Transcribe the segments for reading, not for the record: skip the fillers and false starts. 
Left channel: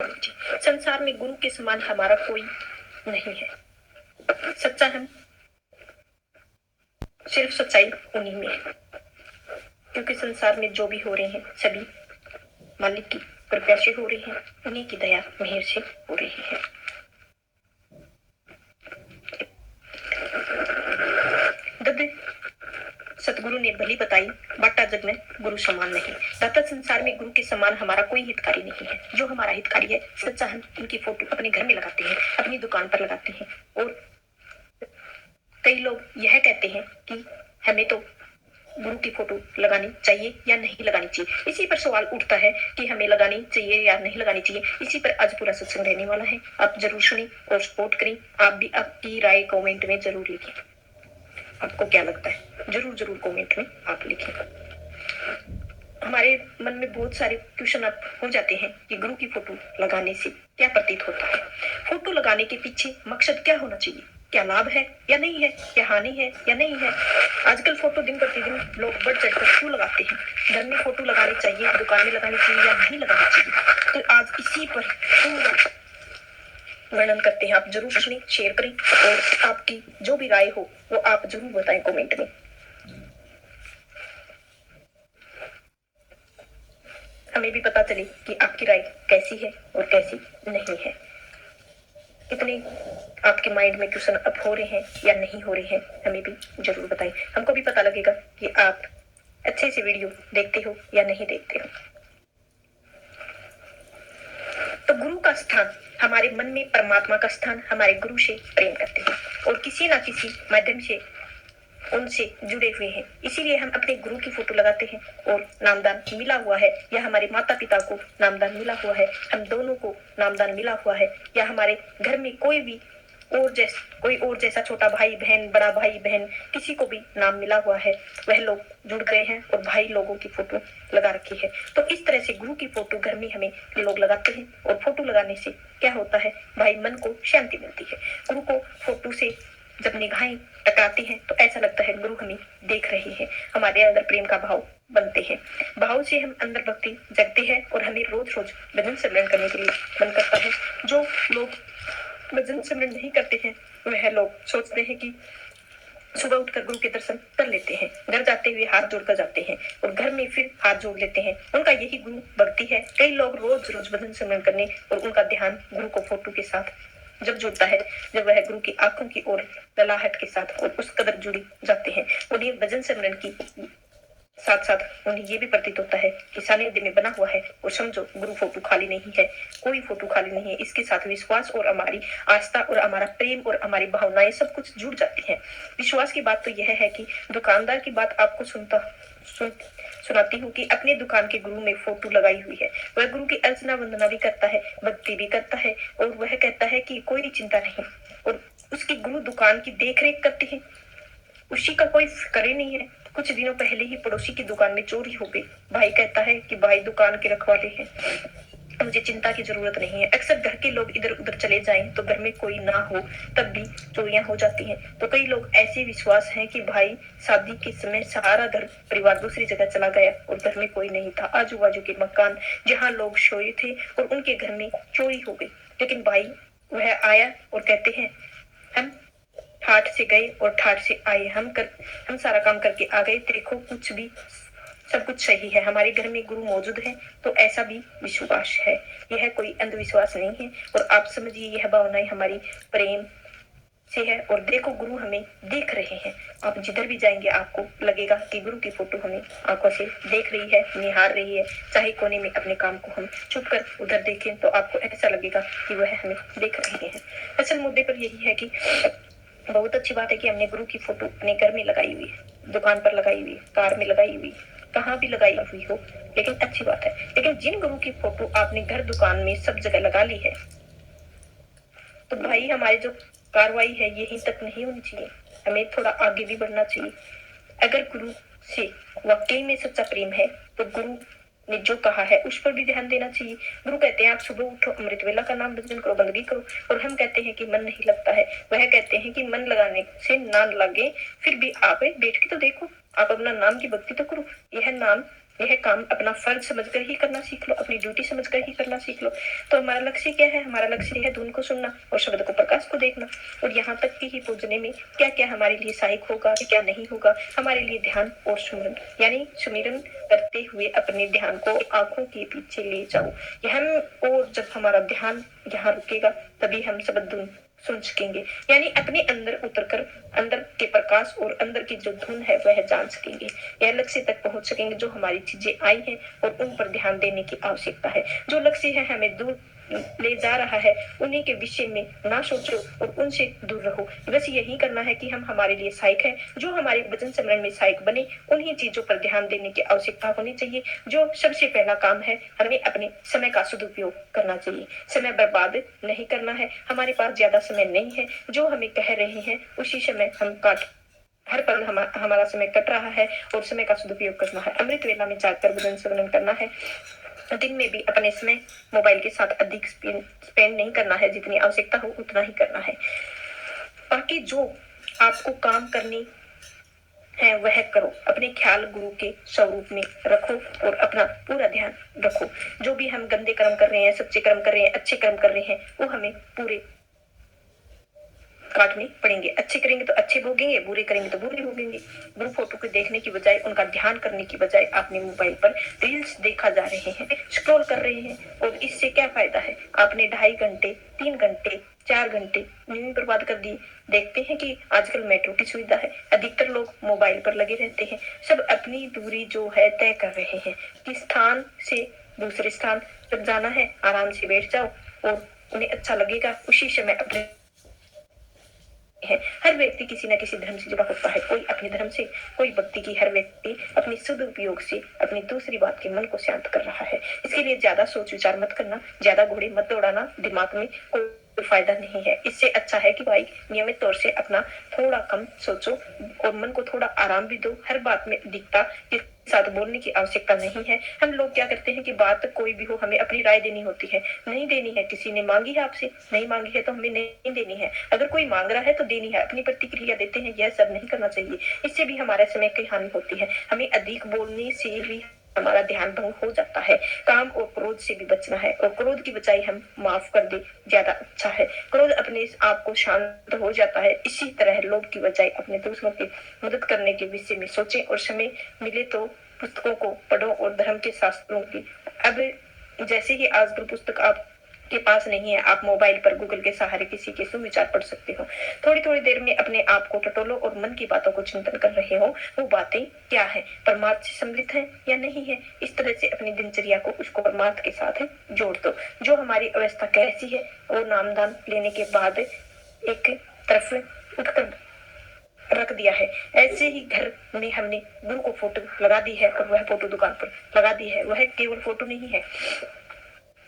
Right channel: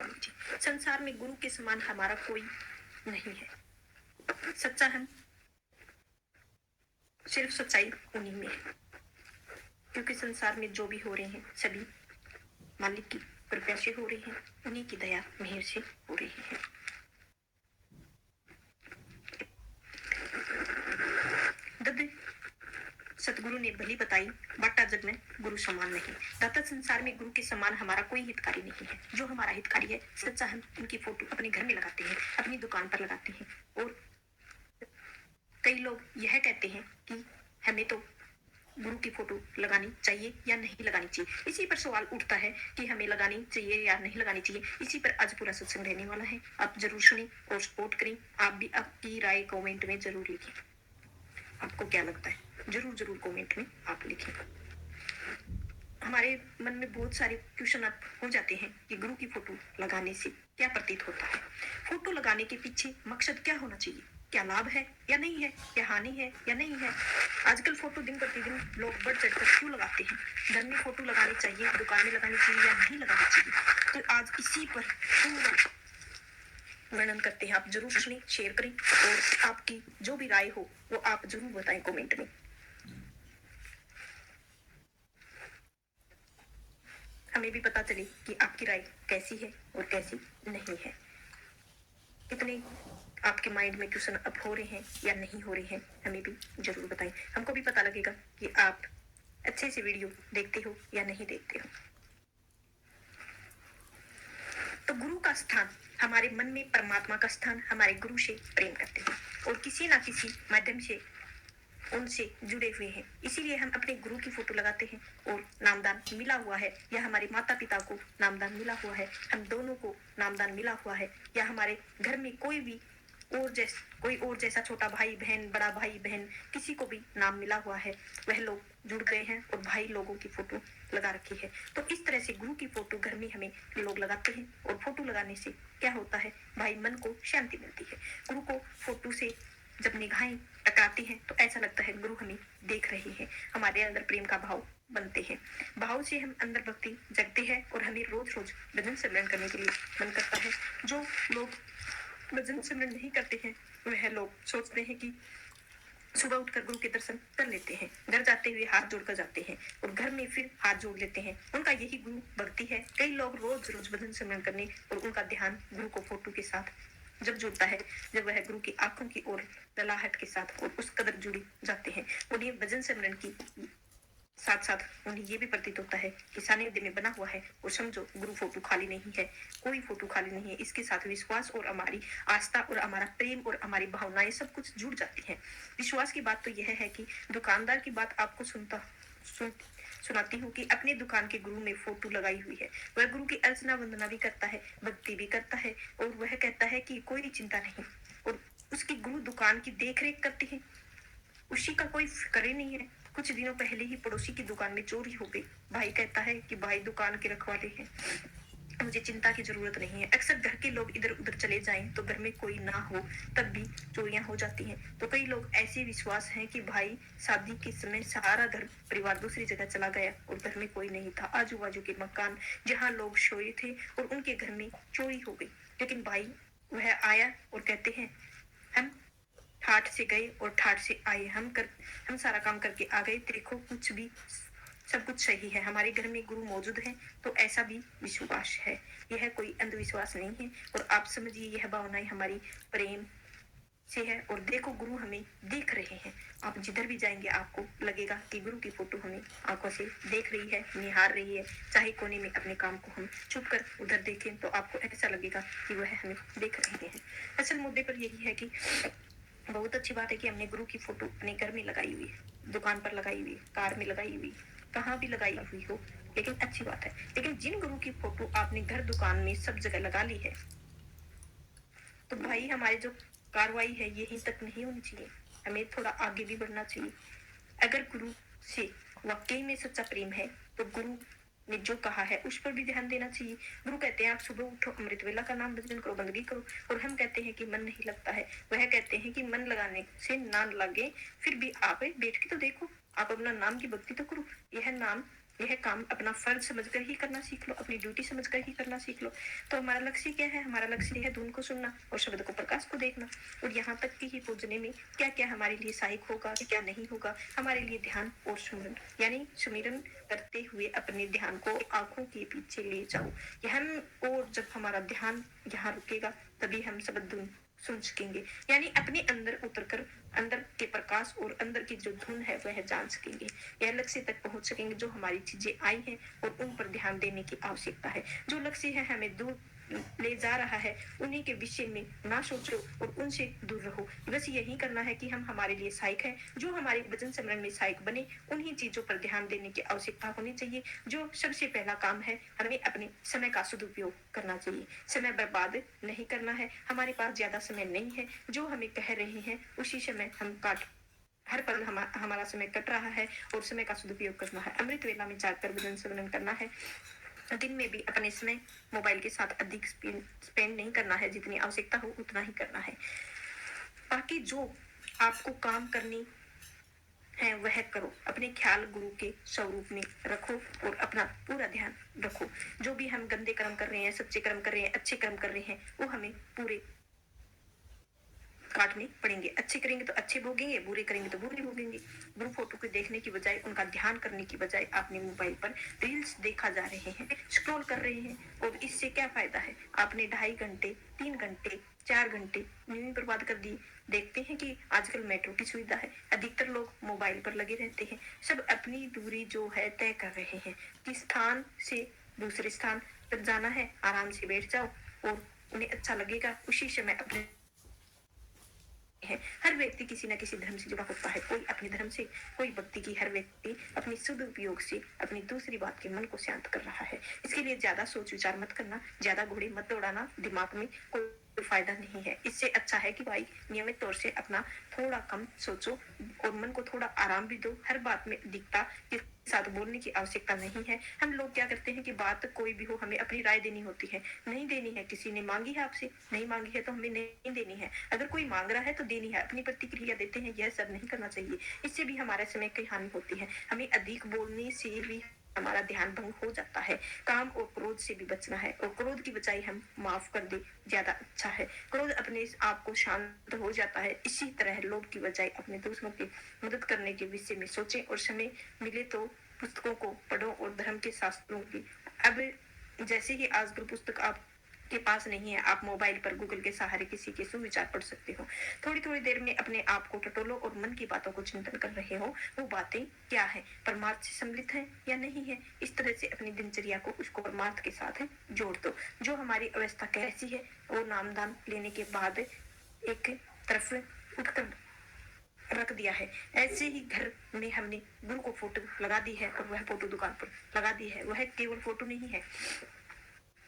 संसार में गुरु के समान हमारा कोई नहीं है। सच्चा हम सिर्फ सच्चाई उन्हीं में है, क्योंकि संसार में जो भी हो रहे हैं सभी मालिक की कृपा से हो रही है, उन्हीं की दया मेहर से हो रही है। दद सतगुरु ने भली बताई, बाटा जग में गुरु समान नहीं। दाता संसार में गुरु के समान हमारा कोई हितकारी नहीं है। जो हमारा हितकारी है सच्चा हम उनकी फोटो अपने घर में लगाते हैं, अपनी दुकान पर लगाते हैं। और कई लोग यह कहते हैं कि हमें तो गुरु की फोटो लगानी चाहिए या नहीं लगानी चाहिए। इसी पर सवाल उठता है कि हमें लगानी चाहिए या नहीं लगानी चाहिए। इसी पर आज पूरा सत्संग रहने वाला है। आप जरूर सुनिए और सपोर्ट करें। आप भी आपकी राय कमेंट में जरूर लिखें। आपको क्या लगता है जरूर जरूर कमेंट में आप लिखें। हमारे मन में बहुत सारे क्वेश्चन अब हो जाते हैं कि गुरु की फोटो लगाने से क्या प्रतीत होता है। फोटो लगाने के पीछे मकसद क्या होना चाहिए, क्या लाभ है या नहीं है, क्या हानि है या नहीं है। आजकल फोटो दिन प्रतिदिन लोग बढ़ चढ़कर क्यों लगाते हैं। घर में फोटो लगानी चाहिए, दुकान में लगानी चाहिए या नहीं लगानी चाहिए। तो आज इसी पर पूरा वर्णन करते हैं। आप जरूर सुनिए, शेयर करें और आपकी जो भी राय हो वो आप जरूर बताएं कमेंट में। हमें भी पता चले कि आपकी राय कैसी है और कैसी नहीं है। कितने आपके माइंड में क्वेश्चन अप हो रहे हैं या नहीं हो रहे हैं, हमें भी जरूर बताएं। हमको भी पता लगेगा कि आप अच्छे से वीडियो देखते हो या नहीं देखते हो। तो गुरु का स्थान हमारे मन में, परमात्मा का स्थान हमारे गुरु से प्रेम करते हैं और किसी ना किसी माध्यम से उनसे जुड़े हुए हैं। इसीलिए हम अपने गुरु की फोटो लगाते हैं और नामदान मिला हुआ है या हमारे माता पिता को नामदान मिला हुआ है, हम दोनों को नामदान मिला हुआ है, या हमारे घर में कोई और जैसा छोटा भाई बहन, बड़ा भाई बहन, किसी को भी नाम मिला हुआ है, वह लोग जुड़ गए हैं और भाई लोगों की फोटो लगा रखी है। तो इस तरह से गुरु की फोटो घर में हमें लोग लगाते हैं और फोटो लगाने से क्या होता है भाई, मन को शांति मिलती है। गुरु को फोटो से जब निगाहें टकराती हैं तो ऐसा लगता है गुरु हमें देख रहे हैं। हमारे अंदर प्रेम का भाव बनते हैं। भाव से हम अंदर भक्ति जगती है और हमें रोज रोज भजन सिमरन करने के लिए मन करता है। जो लोग भजन सिमरन नहीं करते हैं वह लोग सोचते हैं कि सुबह उठकर गुरु के दर्शन कर लेते हैं, घर जाते हुए हाथ जोड़कर जाते हैं और घर में फिर हाथ जोड़ लेते हैं। उनका यही गुरु भक्ति है। कई लोग रोज रोज भजन सिमरन करने और उनका ध्यान गुरु को फोटो के साथ जब जुड़ता है, जब वह गुरु की आंखों की ओर ललाहट के साथ और उस कदर जुड़ी जाते हैं, उन्हें भजन सिमरन की साथ साथ उन्हें ये भी प्रतीत होता है कि सानिध्य में बना हुआ है और समझो गुरु फोटो खाली नहीं है, कोई फोटो खाली नहीं है। इसके साथ विश्वास और हमारी आस्था और हमारा प्रेम और हमारी भावनाएं सब कुछ जुड़ जाती हैं। विश्वास की बात तो यह है कि दुकानदार की बात आपको सुनाती हूँ कि अपने दुकान के गुरु में फोटो लगाई हुई है। वह गुरु की अर्चना वंदना भी करता है, भक्ति भी करता है और वह कहता है कि कोई चिंता नहीं। और उसकी गुरु दुकान की देख रेख करते हैं, उसी का कोई फिक्र ही नहीं है। कुछ दिनों पहले ही पड़ोसी की दुकान में चोरी हो गई। भाई कहता है कि भाई दुकान के रखवाले हैं, मुझे चिंता की जरूरत नहीं है। अक्सर घर के लोग इधर उधर चले जाएं तो घर में कोई ना हो तब भी चोरियां हो जाती हैं। तो कई लोग ऐसे विश्वास हैं कि भाई शादी के समय सारा घर परिवार दूसरी जगह चला गया और घर में कोई नहीं था। आजू बाजू के मकान जहाँ लोग सोए थे और उनके घर में चोरी हो गई। लेकिन भाई वह आया और कहते हैं हम ठाठ से गए और ठाठ से आए, हम सारा काम करके आ गए। देखो कुछ भी सब कुछ सही है, हमारे घर में गुरु मौजूद है। तो ऐसा भी विश्वास है, यह कोई अंधविश्वास नहीं है। और आप समझिए यह भावनाएं हमारी प्रेम से है। और देखो गुरु हमें देख रहे हैं। आप जिधर भी जाएंगे आपको लगेगा कि गुरु की फोटो हमें आंखों से देख रही है, निहार रही है। चाहे कोने में अपने काम को हम छुप कर उधर देखें तो आपको ऐसा लगेगा कि वह हमें देख रहे हैं। असल मुद्दे पर यही है कि बहुत अच्छी बात है कि हमने गुरु की फोटो अपने घर में लगाई हुई है, दुकान पर लगाई हुई, कार में लगाई हुई, कहाँ भी लगाई हुई हो, लेकिन अच्छी बात है। लेकिन जिन गुरु की फोटो आपने घर दुकान में सब जगह लगा ली है तो भाई हमारी जो कार्रवाई है यहीं तक नहीं होनी चाहिए, हमें थोड़ा आगे भी बढ़ना चाहिए। अगर गुरु से वाकई में सच्चा प्रेम है तो गुरु ने जो कहा है उस पर भी ध्यान देना चाहिए। गुरु कहते हैं आप सुबह उठो, अमृत वेला का नाम भजन करो, बंदगी करो। और हम कहते हैं कि मन नहीं लगता है। वह कहते हैं कि मन लगाने से ना लगे फिर भी आप बैठ के तो देखो, आप अपना नाम की भक्ति तो करो। यह नाम यह काम अपना फर्ज समझकर ही करना सीख लो, अपनी ड्यूटी समझकर ही करना सीख लो। तो हमारा लक्ष्य क्या है? हमारा लक्ष्य है धुन को सुनना और शब्द को प्रकाश को देखना, और यहाँ तक कि ही पूजने में क्या क्या हमारे लिए सहायक होगा, क्या नहीं होगा, हमारे लिए ध्यान और सुमिरन, यानी सुमिरन करते हुए अपने ध्यान को आंखों के पीछे ले जाओ। और जब हमारा ध्यान यहाँ रुकेगा तभी हम शब्द धुन सुन सकेंगे, यानी अपने अंदर उतरकर अंदर के प्रकाश और अंदर की जो धुन है वह जान सकेंगे। यह लक्ष्य तक पहुंच सकेंगे जो हमारी चीजें आई हैं और उन पर ध्यान देने की आवश्यकता है। जो लक्ष्य है हमें दूर ले जा रहा है उन्हीं के विषय में ना सोचो और उनसे दूर रहो। बस यही करना है कि हम हमारे लिए सहायक है, जो हमारे वचन स्मरण में सहायक बने उन्हीं चीजों पर ध्यान देने की आवश्यकता होनी चाहिए। जो सबसे पहला काम है, हमें अपने समय का सदुपयोग करना चाहिए, समय बर्बाद नहीं करना है। हमारे पास ज्यादा समय नहीं है, जो हमें कह रहे हैं उसी समय हम काट हर पल हमारा समय कट रहा है और समय का सदुपयोग करना है। अमृत वेला में जाकर भजन स्मरण करना है। दिन में भी अपने समय मोबाइल के साथ अधिक स्पेंड नहीं करना है, जितनी आवश्यकता हो उतना ही करना है। बाकी जो आपको काम करनी है वह करो, अपने ख्याल गुरु के स्वरूप में रखो और अपना पूरा ध्यान रखो। जो भी हम गंदे कर्म कर रहे हैं, सच्चे कर्म कर रहे हैं, अच्छे कर्म कर रहे हैं, वो हमें पूरे काटने पड़ेंगे। अच्छे करेंगे तो अच्छे भोगेंगे, बुरे करेंगे तो बुरे भोगेंगे। ग्रुप फोटो को देखने की बजाय, उनका ध्यान करने की बजाय आपने मोबाइल पर रील्स देखा जा रहे हैं, स्क्रॉल कर रहे हैं, और इससे क्या फायदा है? आपने 2.5 घंटे, 3 घंटे, 4 घंटे नींद बर्बाद कर दी। देखते हैं कि आजकल मेट्रो की सुविधा है, अधिकतर लोग मोबाइल पर लगे रहते हैं। सब अपनी दूरी जो है तय कर रहे हैं कि स्थान से दूसरे स्थान जब जाना है आराम से बैठ जाओ और उन्हें अच्छा लगेगा उसी समय अपने है। हर व्यक्ति किसी न किसी धर्म से जुड़ा होता है, कोई अपने धर्म से, कोई भक्ति की। हर व्यक्ति अपने सदुपयोग से अपनी दूसरी बात के मन को शांत कर रहा है। इसके लिए ज्यादा सोच विचार मत करना, ज्यादा घोड़े मत दौड़ाना, दिमाग में कोई फायदा नहीं है। इससे अच्छा है कि भाई नियमित तौर से अपना थोड़ा कम सोचो और मन को थोड़ा आराम भी दो। हर बात में अधिकता के साथ बोलने की आवश्यकता नहीं है। हम लोग क्या करते हैं कि बात कोई भी हो हमें अपनी राय देनी होती है, नहीं देनी है। किसी ने मांगी है आपसे, नहीं मांगी है तो हमें नहीं देनी है। अगर कोई मांग रहा है तो देनी है, अपनी प्रतिक्रिया देते हैं। यह सब नहीं करना चाहिए, इससे भी हमारे समय की हानि होती है। हमें अधिक बोलने से भी हमारा ध्यान भंग हो जाता है। काम और क्रोध से भी बचना है, और क्रोध की बजाय हम माफ कर दे, ज्यादा अच्छा है। क्रोध अपने आप को शांत हो जाता है। इसी तरह लोभ की बजाय अपने दूसरों की मदद करने के विषय में सोचें, और समय मिले तो पुस्तकों को पढ़ो और धर्म के शास्त्रों की। अब जैसे ही आजकल पुस्तक आप के पास नहीं है, आप मोबाइल पर गूगल के सहारे किसी के सुविचार पढ़ सकते हो। थोड़ी थोड़ी देर में अपने आप को टटोलो और मन की बातों को चिंतन कर रहे हो, वो बातें क्या है, परमार्थ से सम्मिलित है या नहीं है। इस तरह से अपनी दिनचर्या को उसको परमार्थ के साथ जोड़ दो। जो हमारी अवस्था कैसी है, वो नामदान लेने के बाद एक तरफ उठकर रख दिया है। ऐसे ही घर में हमने गुरु को फोटो लगा दी है और वह फोटो दुकान पर लगा दी है। वह केवल फोटो नहीं है,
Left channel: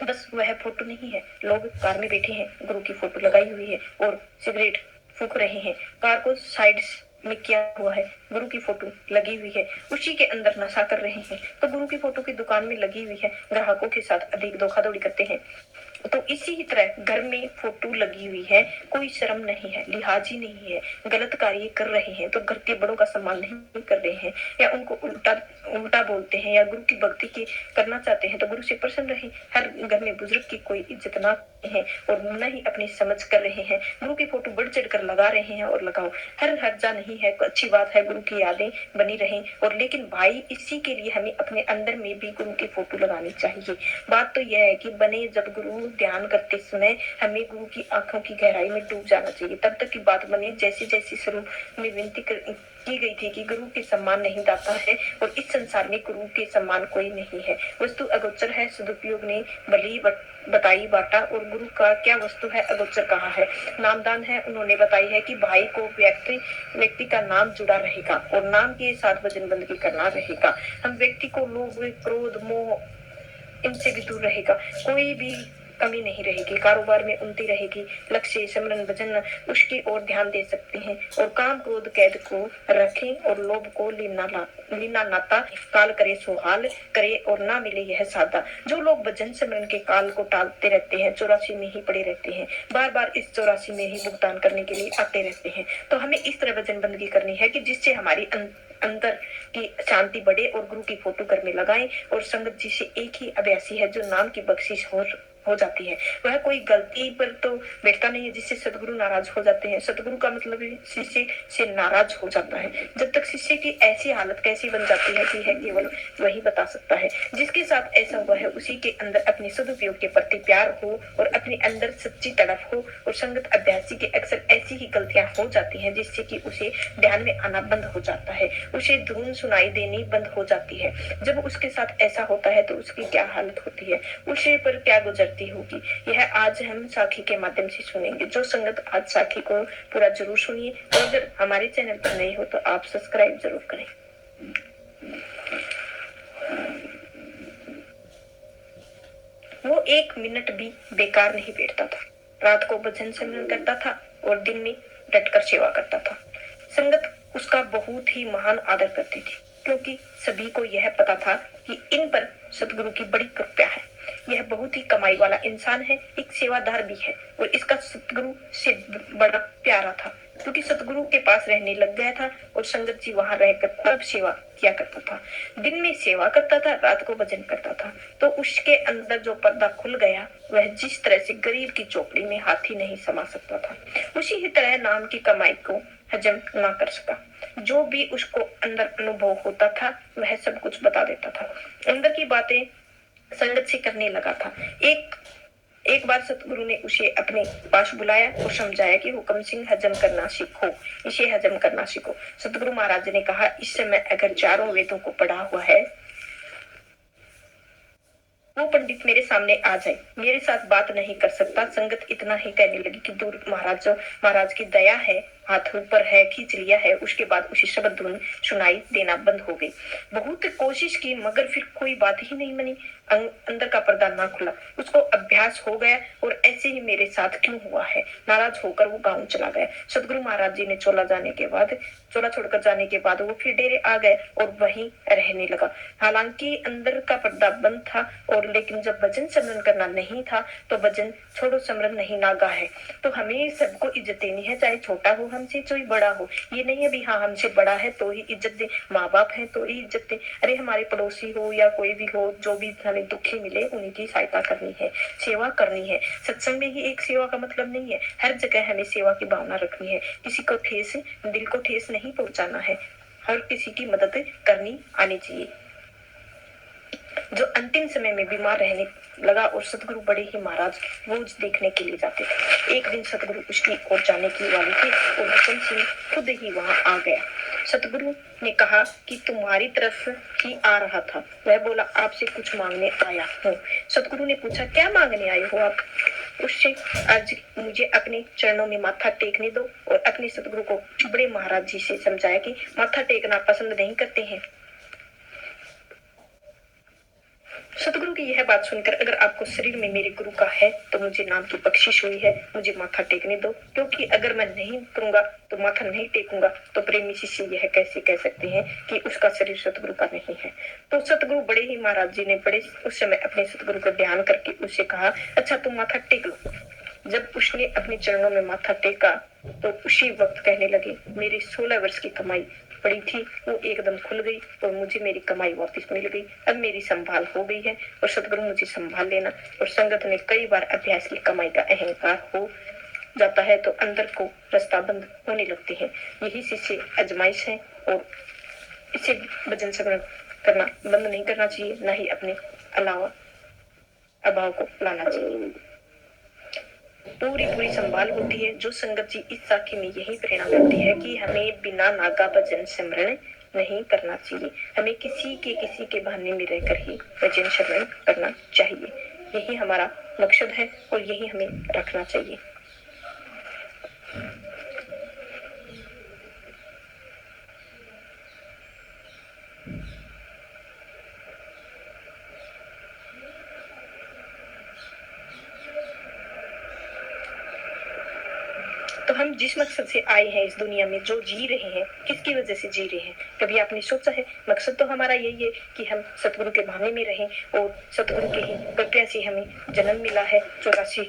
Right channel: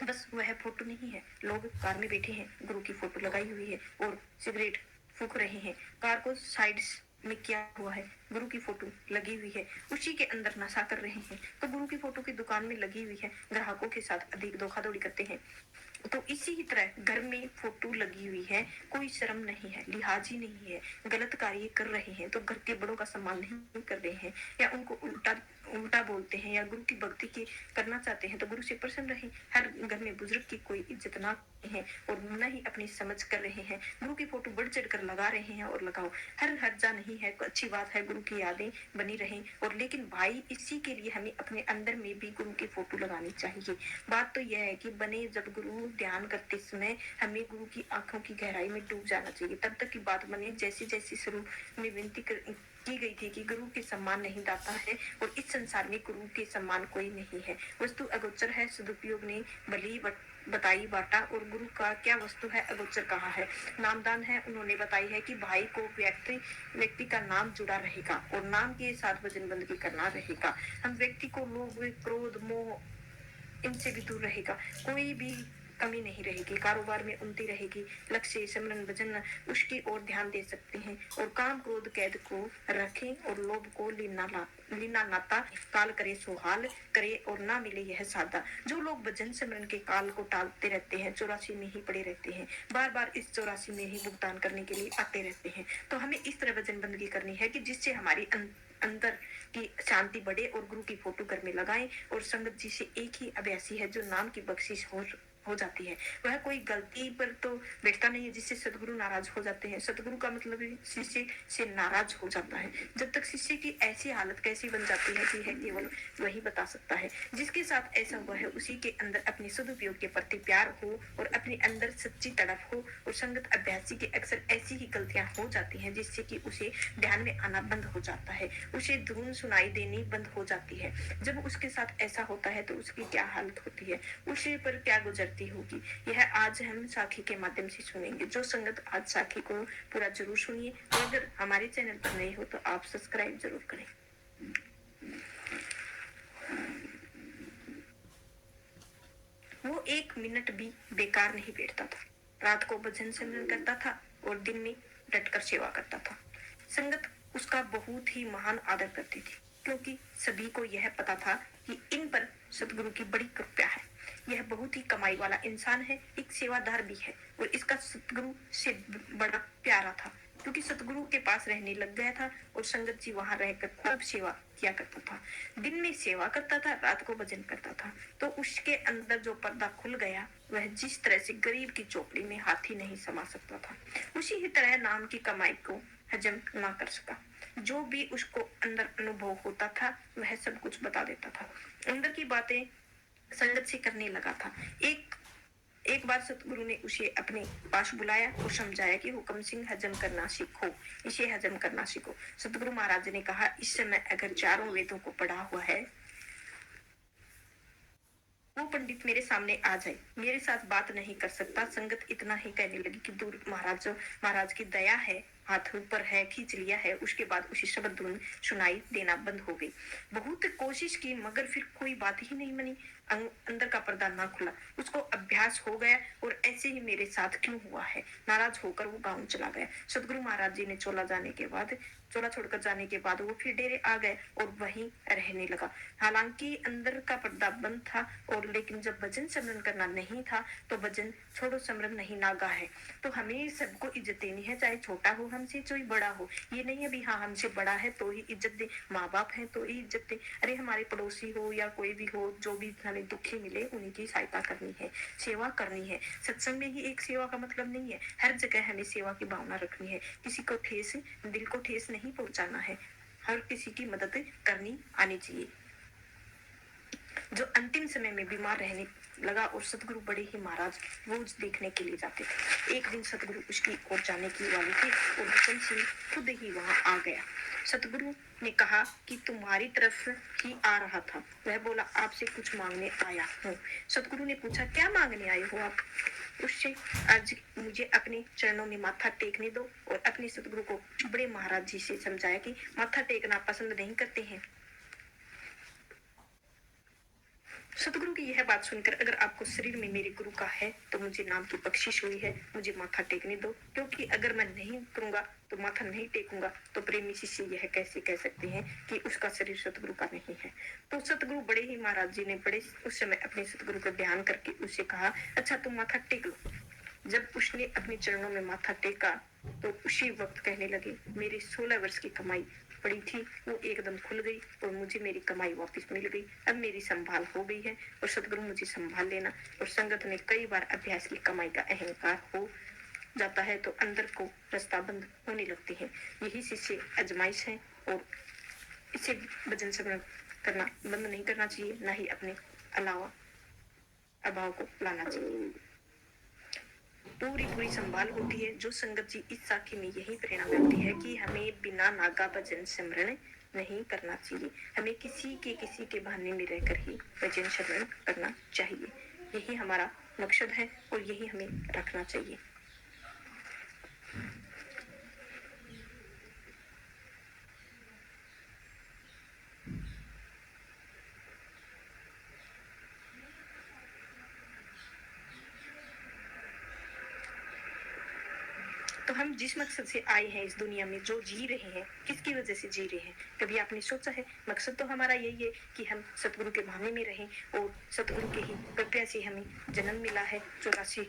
बस वह फोटो नहीं है। लोग कार में बैठे हैं, गुरु की फोटो लगाई हुई है और सिगरेट फूंक रहे हैं। कार को साइड में किया हुआ है, गुरु की फोटो लगी हुई है, उसी के अंदर नशा कर रहे हैं। तो गुरु की फोटो की दुकान में लगी हुई है, ग्राहकों के साथ अधिक धोखाधड़ी करते हैं। तो इसी तरह घर में फोटो लगी हुई है, कोई शर्म नहीं है, लिहाज ही नहीं है, गलत कार्य कर रहे हैं तो घर के बड़ों का सम्मान नहीं कर रहे हैं, या उनको उल्टा उल्टा बोलते हैं, या गुरु की भक्ति की करना चाहते हैं तो गुरु से प्रसन्न रहे। हर घर में बुजुर्ग की कोई इज्जत ना है और न ही अपनी समझ कर रहे हैं। गुरु की फोटो बढ़ चढ़ कर लगा रहे हैं और लगाओ, हर हर्जा नहीं है, अच्छी बात है, गुरु की यादें बनी रहें। और लेकिन भाई इसी के लिए हमें अपने अंदर में भी गुरु की फोटो लगानी चाहिए। बात तो यह है कि बने जब गुरु ध्यान करते समय हमें गुरु की आंखों की गहराई में डूब जाना चाहिए, तब तक की बात बने। जैसे जैसे शुरू में विनती की गई थी कि गुरु के सम्मान नहीं दाता है और इस संसार में गुरु के सम्मान कोई नहीं है। वस्तु अगोचर है, सदुपयोग ने बली बताई बाटा, और गुरु का क्या वस्तु है, अगोचर कहाँ है। नामदान है, उन्होंने बताई है कि भाई को व्यक्ति का नाम जुड़ा रहेगा और नाम के साथ वचन बंदगी करना रहेगा। हम व्यक्ति को लोभ, क्रोध, मोह इनसे भी दूर रहेगा, कोई भी कमी नहीं रहेगी, कारोबार में उन्नति रहेगी। लक्ष्य सिमरन भजन उसकी ओर ध्यान दे सकते हैं, और काम क्रोध कैद को रखें और लोभ को लीना नाता। काल करे सुहाल करे और ना मिले यह सादा। जो लोग भजन सिमरन के काल को टालते रहते हैं, 84 में ही पड़े रहते हैं, बार बार इस 84 में ही भुगतान करने के लिए आते रहते हैं। तो हमें इस तरह भजन बंदगी करनी है कि जिससे हमारी अंदर की शांति बढ़े और गुरु की फोटो घर में लगाएं। और संगत जी से एक ही अभ्यासी है जो नाम की बख्शिश हो जाती है। वह कोई गलती पर तो बैठता नहीं है जिससे सदगुरु नाराज हो जाते हैं। सदगुरु का मतलब शिष्य से नाराज हो जाता है। जब तक शिष्य की ऐसी हालत कैसी बन जाती है कि है केवल वही बता सकता है। जिसके साथ ऐसा हुआ है उसी के अंदर अपने सदुपयोग के प्रति प्यार हो और अपने अंदर सच्ची तड़प हो। और संगत अभ्यासी के अक्सर ऐसी ही गलतियां हो जाती हैं जिससे कि उसे ध्यान में आना बंद हो जाता है, उसे धुन सुनाई देनी बंद हो जाती है। जब उसके साथ ऐसा होता है तो उसकी क्या हालत होती है, उसे पर क्या गुजरती होगी, यह आज हम साखी के माध्यम से सुनेंगे। जो संगत आज साखी को पूरा जरूर सुनिए। और अगर हमारे चैनल पर नए हो तो आप सब्सक्राइब जरूर करें। वो एक मिनट भी बेकार नहीं बैठता था। रात को भजन सिमरन करता था और दिन में डटकर सेवा करता था। संगत उसका बहुत ही महान आदर करती थी क्योंकि सभी को यह पता था कि इन पर सतगुरु की बड़ी कृपा है। यह बहुत ही कमाई वाला इंसान है, एक सेवादार भी है और इसका सतगुरु से बड़ा प्यारा था क्योंकि सतगुरु के पास रहने लग गया था और संगत जी वहां रहकर खूब सेवा किया करता था। दिन में सेवा करता था, रात को भजन करता था। तो उसके अंदर जो पर्दा खुल गया वह जिस तरह से गरीब की चौपड़ी में हाथी नहीं समा सकता था, उसी ही तरह नाम की कमाई को हजम ना कर सका। जो भी उसको अंदर अनुभव होता था वह सब कुछ बता देता था, अंदर की बातें संगत से करने लगा था। एक बार सतगुरु ने उसे अपने पास बुलाया और समझाया कि हुक्म सिंह हजम करना सीखो, इसे हजम करना सीखो। सतगुरु महाराज ने कहा, इस समय अगर चारों वेदों को पढ़ा हुआ है वो पंडित मेरे सामने आ जाए, मेरे साथ बात नहीं कर सकता। संगत इतना ही कहने लगी कि दूर महाराज की दया है, हाथ ऊपर है, खींच लिया है। उसके बाद उसे शब्द धुन सुनाई देना बंद हो गई। बहुत कोशिश की मगर फिर कोई बात ही नहीं बनी, अंदर का पर्दा ना खुला। उसको अभ्यास हो गया और ऐसे ही मेरे साथ क्यों हुआ है। नाराज होकर वो गांव चला गया। सतगुरु महाराज जी ने चोला छोड़कर जाने के बाद वो फिर डेरे आ गए और वहीं रहने लगा। हालांकि अंदर का पर्दा बंद था और लेकिन जब भजन सिमरन करना नहीं था तो भजन छोड़ो सिमरन नहीं नागा है। तो हमें सबको इज्जत देनी है, चाहे छोटा हो हमसे चाहे बड़ा हो। ये नहीं है भी हाँ हमसे बड़ा है तो ही इज्जत दे, माँ बाप है तो ही इज्जत दे। अरे हमारे पड़ोसी हो या कोई भी हो, जो भी हमें दुखी मिले उनकी सहायता करनी है, सेवा करनी है। सत्संग में ही एक सेवा का मतलब नहीं है, हर जगह हमें सेवा की भावना रखनी है। किसी को ठेस, दिल को ठेस नहीं पहुंचाना है, हर किसी की मदद करनी आनी चाहिए। जो अंतिम समय में बीमार रहने लगा और सतगुरु बड़े ही महाराज रोज देखने के लिए जाते थे। एक दिन सतगुरु उसकी ओर जाने की वाली थे और हुक्म सिंह खुद ही वहां आ गया। सतगुरु ने कहा कि तुम्हारी तरफ ही आ रहा था। वह बोला, आपसे कुछ मांगने आया हूँ। सतगुरु ने पूछा, क्या मांगने आए हो आप? उससे, आज मुझे अपने चरणों में माथा टेकने दो। और अपने सतगुरु को बड़े महाराज जी से समझाया कि माथा टेकना पसंद नहीं करते हैं। सतगुरु की यह बात सुनकर, अगर आपको शरीर में मेरे गुरु का है तो मुझे नाम की बख्शिश हुई है, मुझे माथा टेकने दो। क्योंकि अगर मैं नहीं करूंगा तो माथा नहीं टेकूंगा तो प्रेमी शिष्य यह कैसे कह सकते हैं कि उसका शरीर सतगुरु का नहीं है। तो सतगुरु बड़े ही महाराज जी ने बड़े उस समय अपने सतगुरु का ध्यान करके उससे कहा, अच्छा तुम माथा टेक लो। जब उसने अपने चरणों में माथा टेका तो उसी वक्त कहने लगे, मेरी 16 वर्ष की कमाई पड़ी थी वो एकदम खुल गई और मुझे मेरी कमाई वापस मिल गई। अब मेरी संभाल हो गई है और सतगुरु मुझे संभाल लेना। और संगत में कई बार अभ्यास की कमाई का अहंकार हो जाता है तो अंदर को रास्ता बंद होने लगते हैं। यही शिष्य आजमाइश है और इसे भजन सिमरन करना बंद नहीं करना चाहिए, न ही अपने अभाव को लाना चाहिए। पूरी संभाल होती है। जो संगत जी इस साखी में यही प्रेरणा करती है कि हमें बिना नागा भजन सिमरन नहीं करना चाहिए, हमें किसी के बहाने में रहकर ही भजन सिमरन करना चाहिए। यही हमारा मकसद है और यही हमें रखना चाहिए। तो हम जिस मकसद से आए हैं इस दुनिया में, जो जी रहे हैं, किसकी वजह से जी रहे हैं, कभी आपने सोचा है? मकसद तो हमारा यही है कि हम सतगुरु के भाने में रहें और सतगुरु के ही कृपया से हमें जन्म मिला है। 84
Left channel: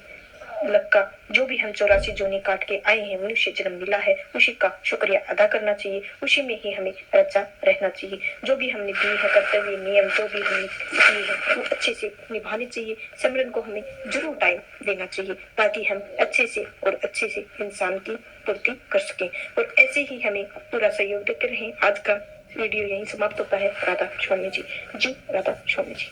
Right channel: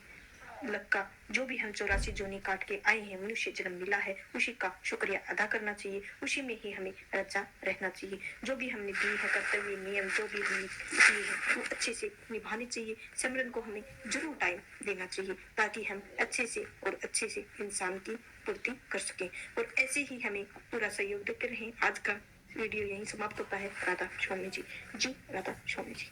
लक का जो भी हम 84 जोनी काट के आए हैं, मनुष्य जन्म मिला है, उसी का शुक्रिया अदा करना चाहिए, उसी में ही हमें रचा रहना चाहिए। जो भी हमने दिए हैं कर्तव्य नियम, जो भी हमने किए हैं वो अच्छे से निभाने चाहिए। सिमरन को हमें जरूर टाइम देना चाहिए ताकि हम अच्छे से और अच्छे से इंसान की पूर्ति कर सकें, और ऐसे ही हमें पूरा सहयोग देते रहें। आज का वीडियो यहीं समाप्त होता है। राधा स्वामी जी। जी राधा स्वामी जी।